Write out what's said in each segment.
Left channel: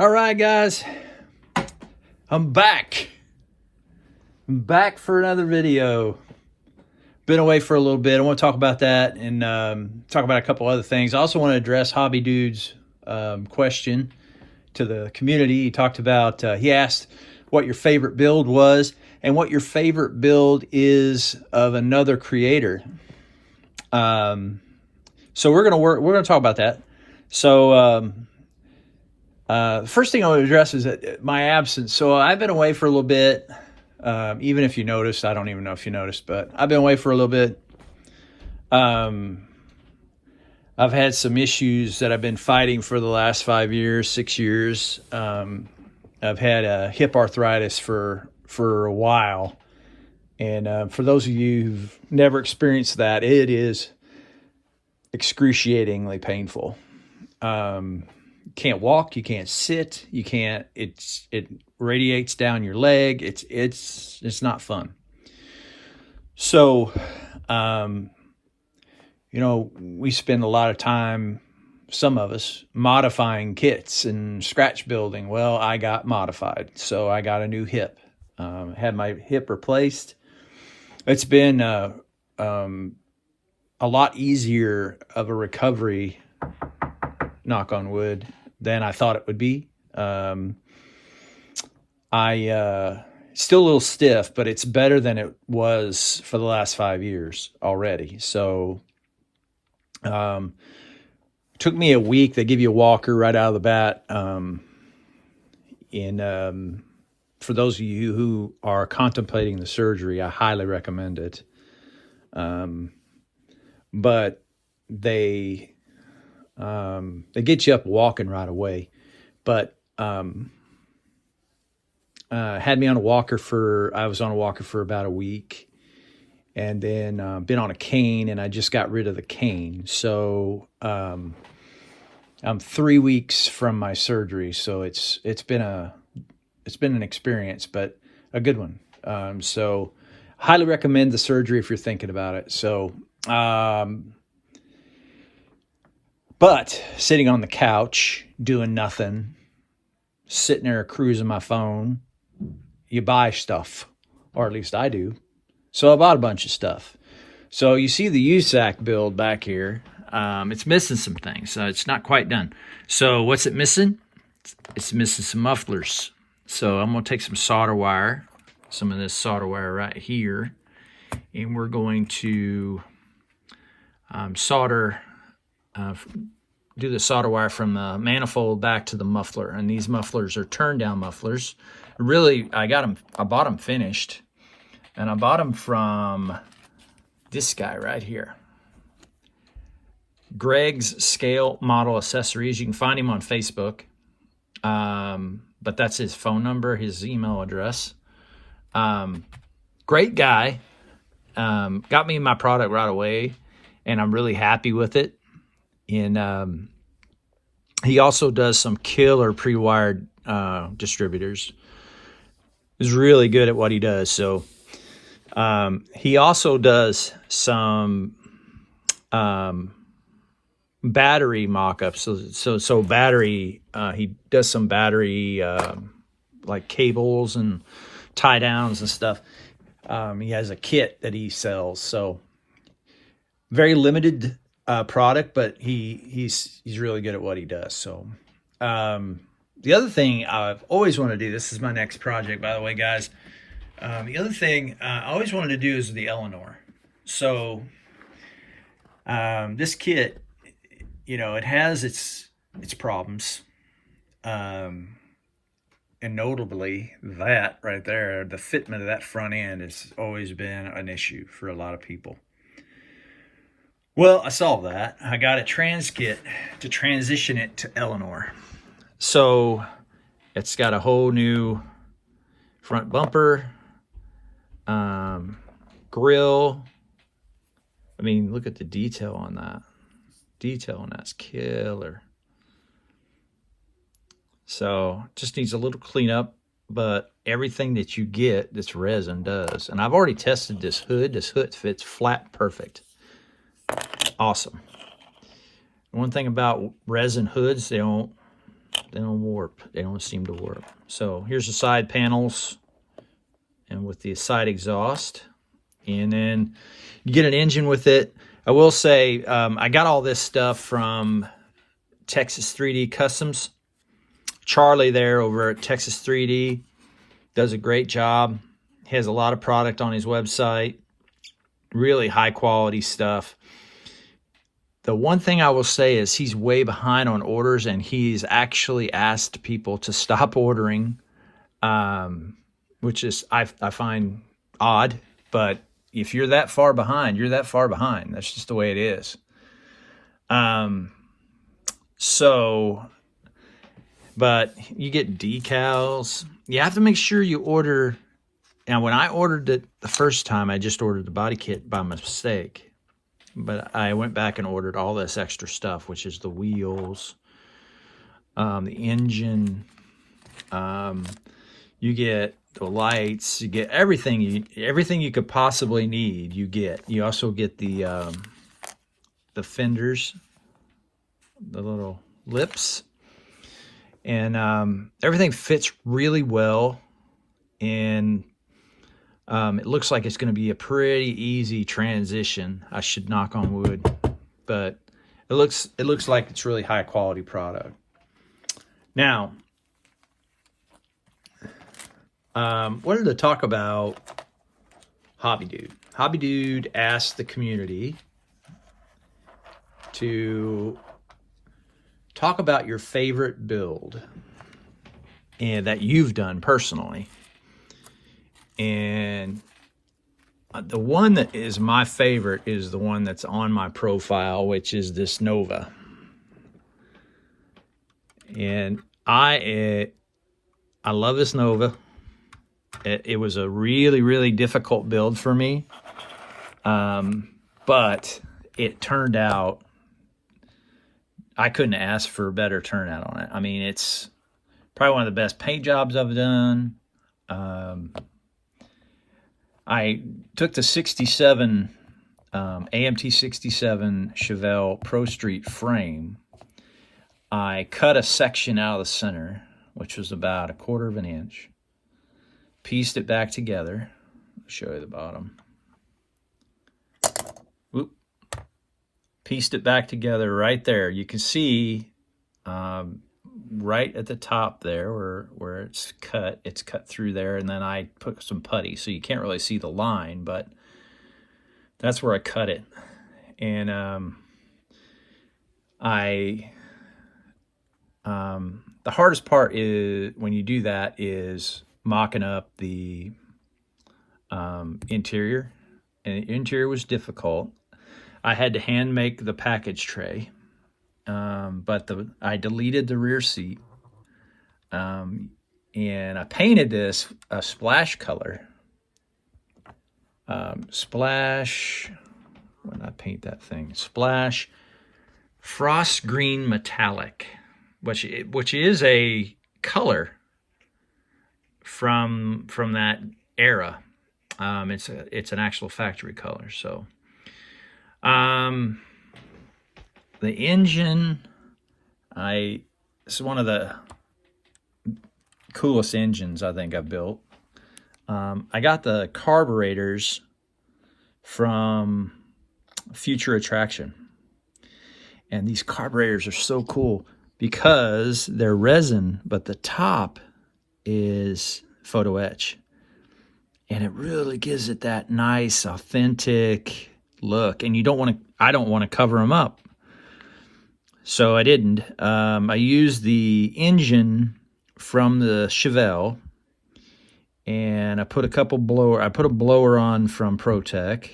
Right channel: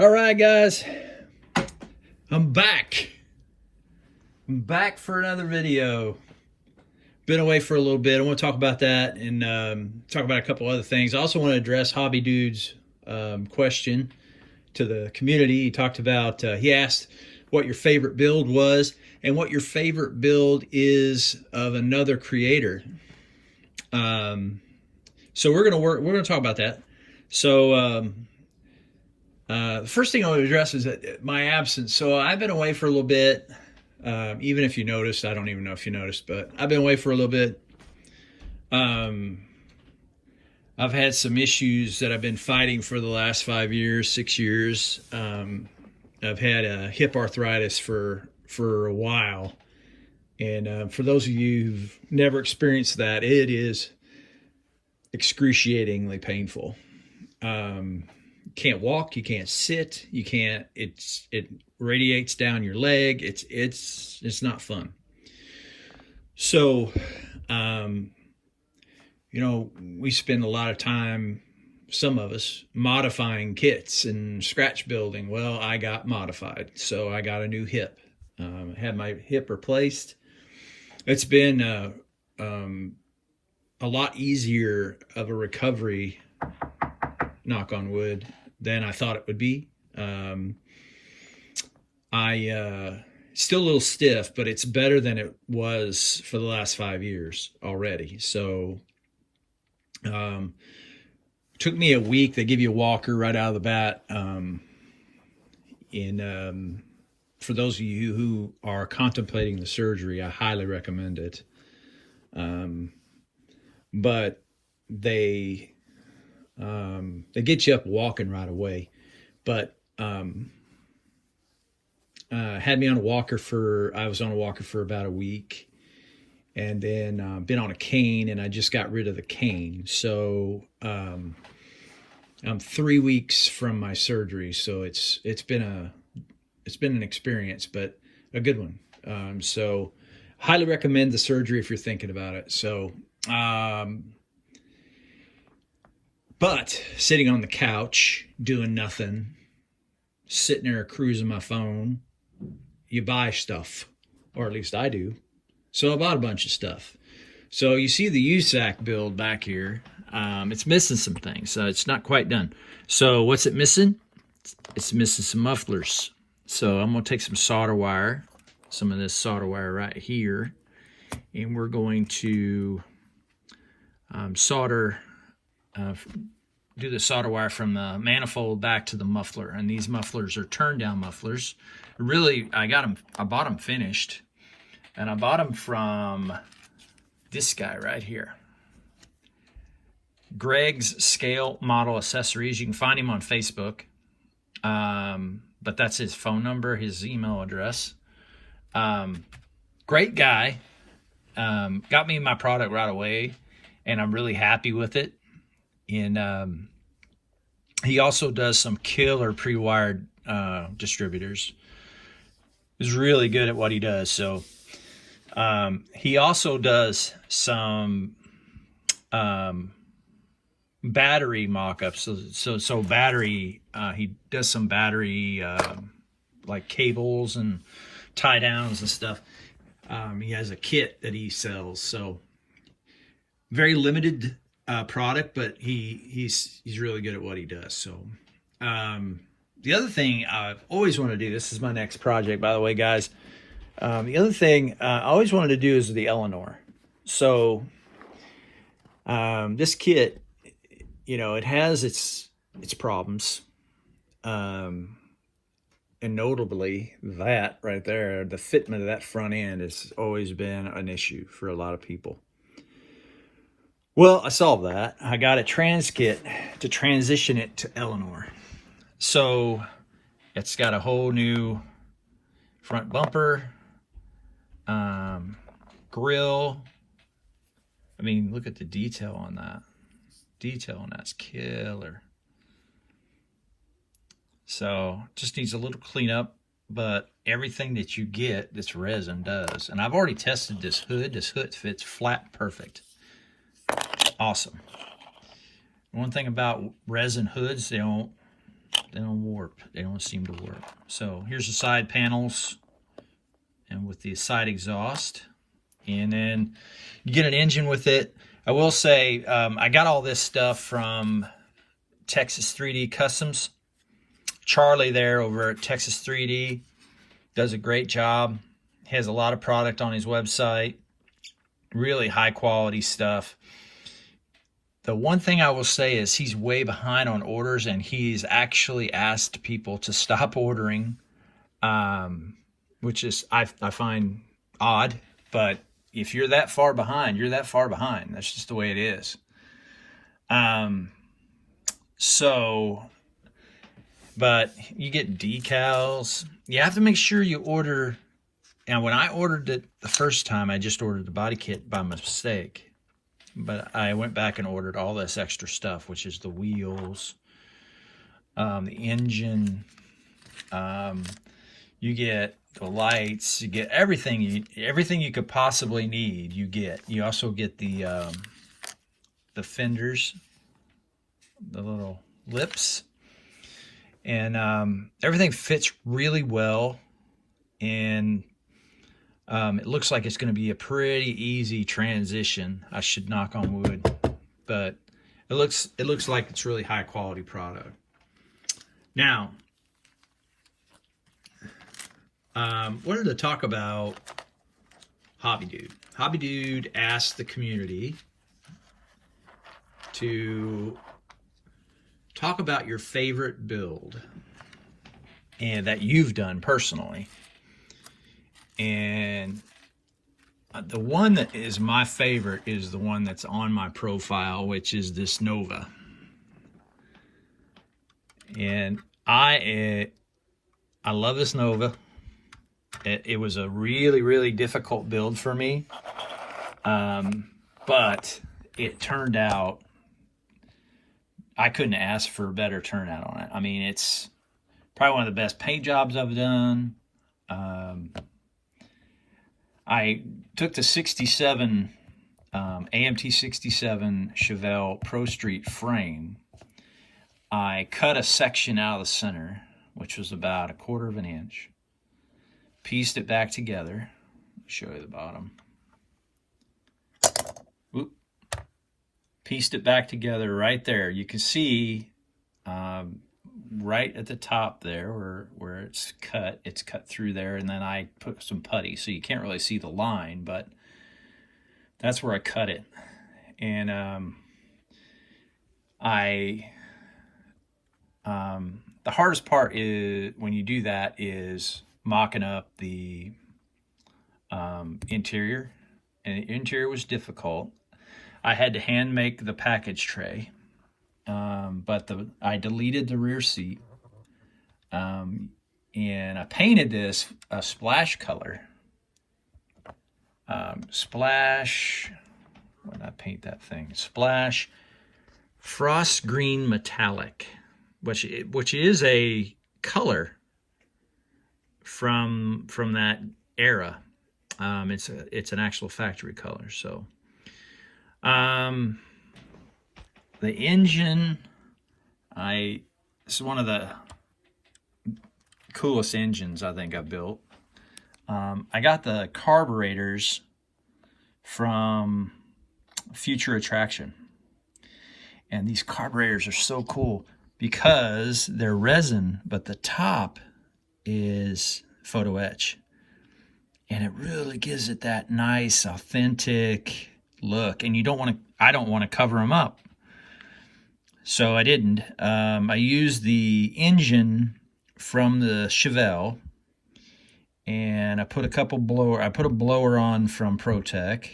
All right, guys, I'm back. I'm back for another video. Been away for a little bit. I want to talk about that and talk about a couple other things. I also want to address Hobby Dude's question to the community. He talked about, he asked what your favorite build was and what your favorite build is of another creator. So we're gonna talk about that. So first thing I want to address is that my absence. So I've been away for a little bit. Even if you noticed, I don't even know if you noticed, but I've been away for a little bit. I've had some issues that I've been fighting for the last 5 years, 6 years. I've had hip arthritis for a while. And for those of you who've never experienced that, it is excruciatingly painful. You can't walk, you can't sit, you can't, it radiates down your leg. It's not fun. So, we spend a lot of time, some of us, modifying kits and scratch building. Well, I got modified, so I got a new hip. Had my hip replaced. It's been a lot easier of a recovery, knock on wood, than I thought it would be. Still a little stiff, but it's better than it was for the last 5 years already. So, took me a week. They give you a walker right out of the bat. For those of you who are contemplating the surgery, I highly recommend it. But they get you up walking right away. But had me on a walker I was on a walker for about a week, and then been on a cane, and I just got rid of the cane. So I'm 3 weeks from my surgery, so it's been an experience, but a good one. So highly recommend the surgery if you're thinking about it. So but sitting on the couch doing nothing, sitting there cruising my phone, you buy stuff, or at least I do. So I bought a bunch of stuff. So you see the USAC build back here. It's missing some things, so it's not quite done. So what's it missing? It's missing some mufflers. So I'm going to take some solder wire, some of this solder wire right here, and we're going to do the solder wire from the manifold back to the muffler. And these mufflers are turn down mufflers. Really, I bought them finished, and I bought them from this guy right here, Greg's Scale Model Accessories. You can find him on Facebook, but that's his phone number, his email address. Great guy. Got me my product right away, and I'm really happy with it. And he also does some killer pre-wired distributors. He's really good at what he does. So he also does some battery mock-ups. So battery, he does some battery like cables and tie downs and stuff. He has a kit that he sells. So very limited product, but he's really good at what he does. So the other thing I've always wanted to do, this is my next project, by the way, guys. The other thing I always wanted to do is the Eleanor. So this kit, it has its problems, and notably that right there, the fitment of that front end has always been an issue for a lot of people. Well, I solved that. I got a trans kit to transition it to Eleanor. So it's got a whole new front bumper, grill. I mean, look at the detail on that. Detail on that's killer. So just needs a little cleanup, but everything that you get, this resin does. And I've already tested this hood. This hood fits flat perfect. Awesome. One thing about resin hoods, they don't They don't warp. They don't seem to warp. So here's the side panels and with the side exhaust. And then you get an engine with it. I will say, I got all this stuff from Texas 3D Customs. Charlie there over at Texas 3D does a great job. He has a lot of product on his website. Really high quality stuff. The one thing I will say is he's way behind on orders, and he's actually asked people to stop ordering, which is I find odd, but if you're that far behind, you're that far behind. That's just the way it is. But you get decals. You have to make sure you order. Now, when I ordered it the first time, I just ordered the body kit by mistake. But I went back and ordered all this extra stuff, which is the wheels, the engine. You get the lights. You get everything you could possibly need. You get. You also get the fenders, the little lips, and everything fits really well. And it looks like it's going to be a pretty easy transition. I should knock on wood, but it looks like it's really high quality product. Now, wanted to talk about Hobby Dude. Hobby Dude asked the community to talk about your favorite build and that you've done personally. And the one that is my favorite is the one that's on my profile, which is this Nova. And I love this Nova. It was a really, really difficult build for me. But it turned out, I couldn't ask for a better turnout on it. I mean, it's probably one of the best paint jobs I've done. I took the 67, AMT 67 Chevelle Pro Street frame. I cut a section out of the center, which was about 1/4 of an inch. Pieced it back together. I'll show you the bottom. Whoop. Pieced it back together right there. You can see right at the top there where it's cut through there, and then I put some putty, so you can't really see the line, but that's where I cut it. And the hardest part is when you do that is mocking up the interior, and the interior was difficult. I had to hand make the package tray. But I deleted the rear seat, and I painted this a splash color. Splash, when did I paint that thing? Splash Frost Green Metallic, which is a color from that era. It's an actual factory color. So, the engine, this is one of the coolest engines I think I've built. I got the carburetors from Future Attraction. And these carburetors are so cool because they're resin, but the top is photo etch. And it really gives it that nice, authentic look. And I don't want to cover them up. So I didn't. I used the engine from the Chevelle, and I put a blower on from ProTech.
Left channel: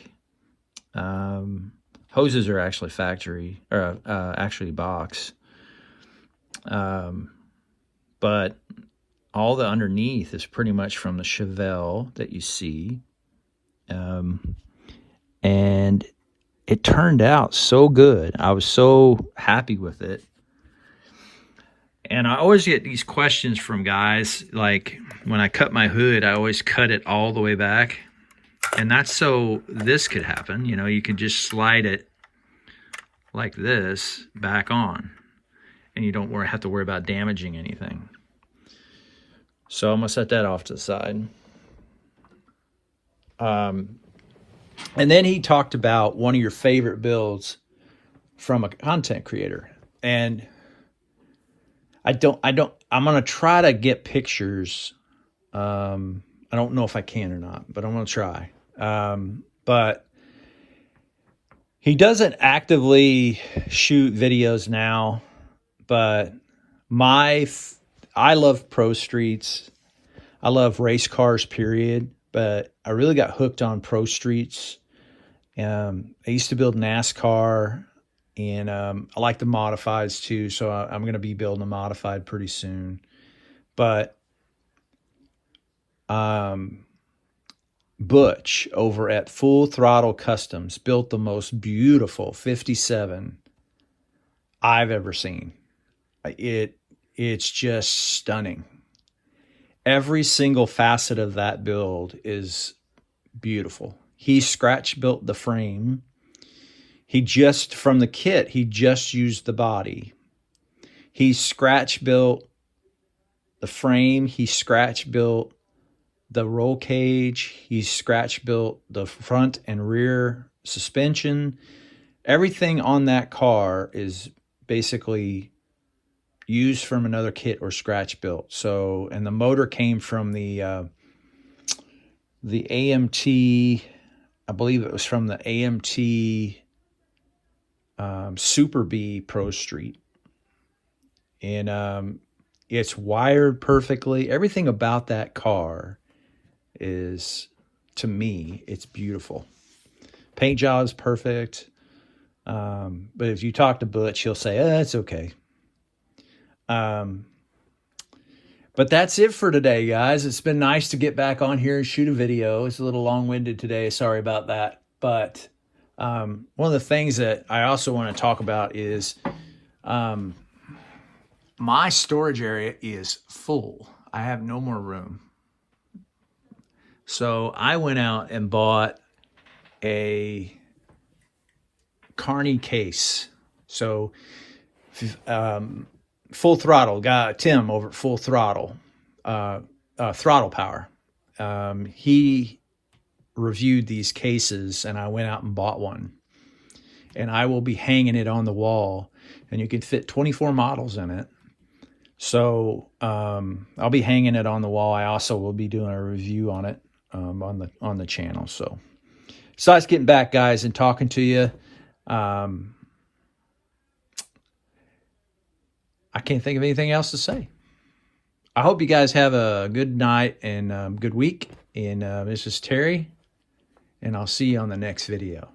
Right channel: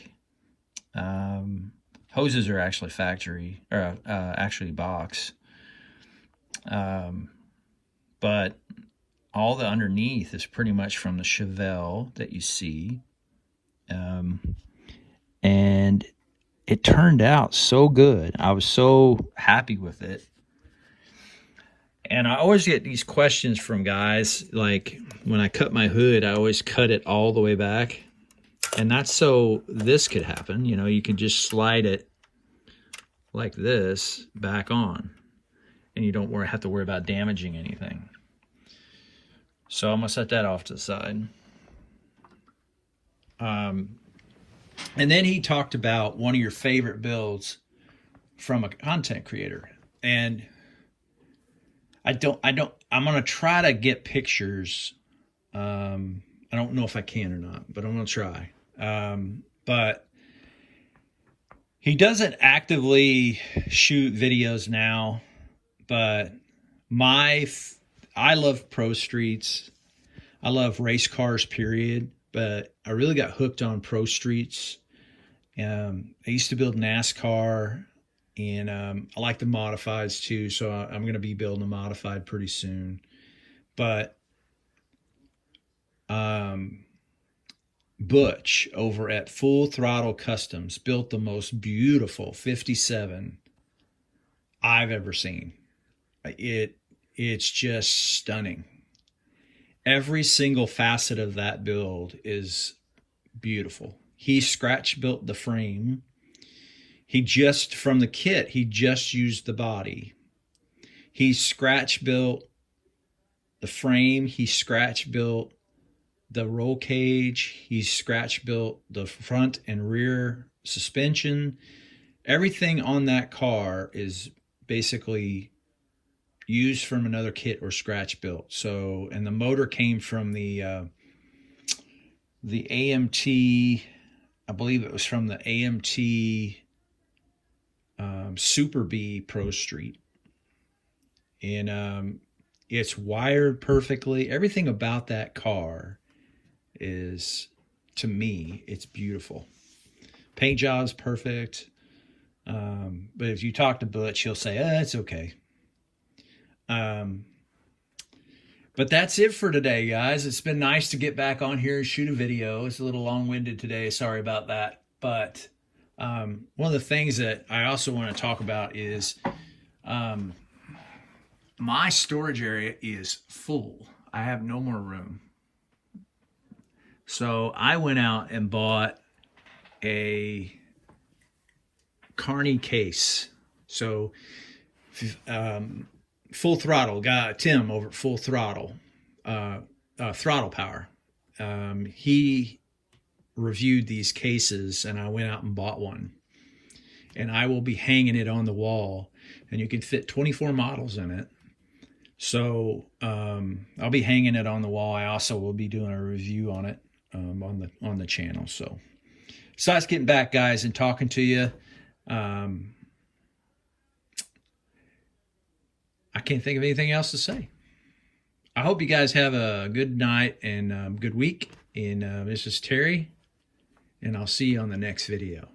Hoses are actually factory, or actually box. But all the underneath is pretty much from the Chevelle that you see. And it turned out so good. I was so happy with it. And I always get these questions from guys, like when I cut my hood, I always cut it all the way back. And that's so this could happen. You can just slide it like this back on. and you don't have to worry about damaging anything. So I'm gonna set that off to the side. And then he talked about one of your favorite builds from a content creator. And I'm going to try to get pictures. I don't know if I can or not, but I'm going to try. But he doesn't actively shoot videos now, but I love pro streets. I love race cars, period. But I really got hooked on pro streets. I used to build NASCAR, and I like the modifieds too. So I'm going to be building a modified pretty soon. But Butch over at Full Throttle Customs built the most beautiful 57 I've ever seen. It's just stunning. Every single facet of that build is beautiful. He scratch built the frame. From the kit, he just used the body. He scratch built the frame. He scratch built the roll cage. He scratch built the front and rear suspension. Everything on that car is basically used from another kit or scratch built. So, and the motor came from the AMT, I believe it was from the AMT Super B Pro Street. And it's wired perfectly. Everything about that car is, to me, it's beautiful. Paint job is perfect. But if you talk to Butch, he'll say, it's okay. But that's it for today, guys. It's been nice to get back on here and shoot a video. It's a little long-winded today. Sorry about that. But one of the things that I also want to talk about is my storage area is full. I have no more room. So I went out and bought a Carney case. So Full Throttle, guy Tim over at Full Throttle, Throttle Power. He reviewed these cases, and I went out and bought one. And I will be hanging it on the wall, and you can fit 24 models in it. So I'll be hanging it on the wall. I also will be doing a review on it on the channel. So besides getting back, guys, and talking to you, I can't think of anything else to say. I hope you guys have a good night and good week. And this is Terry, and I'll see you on the next video.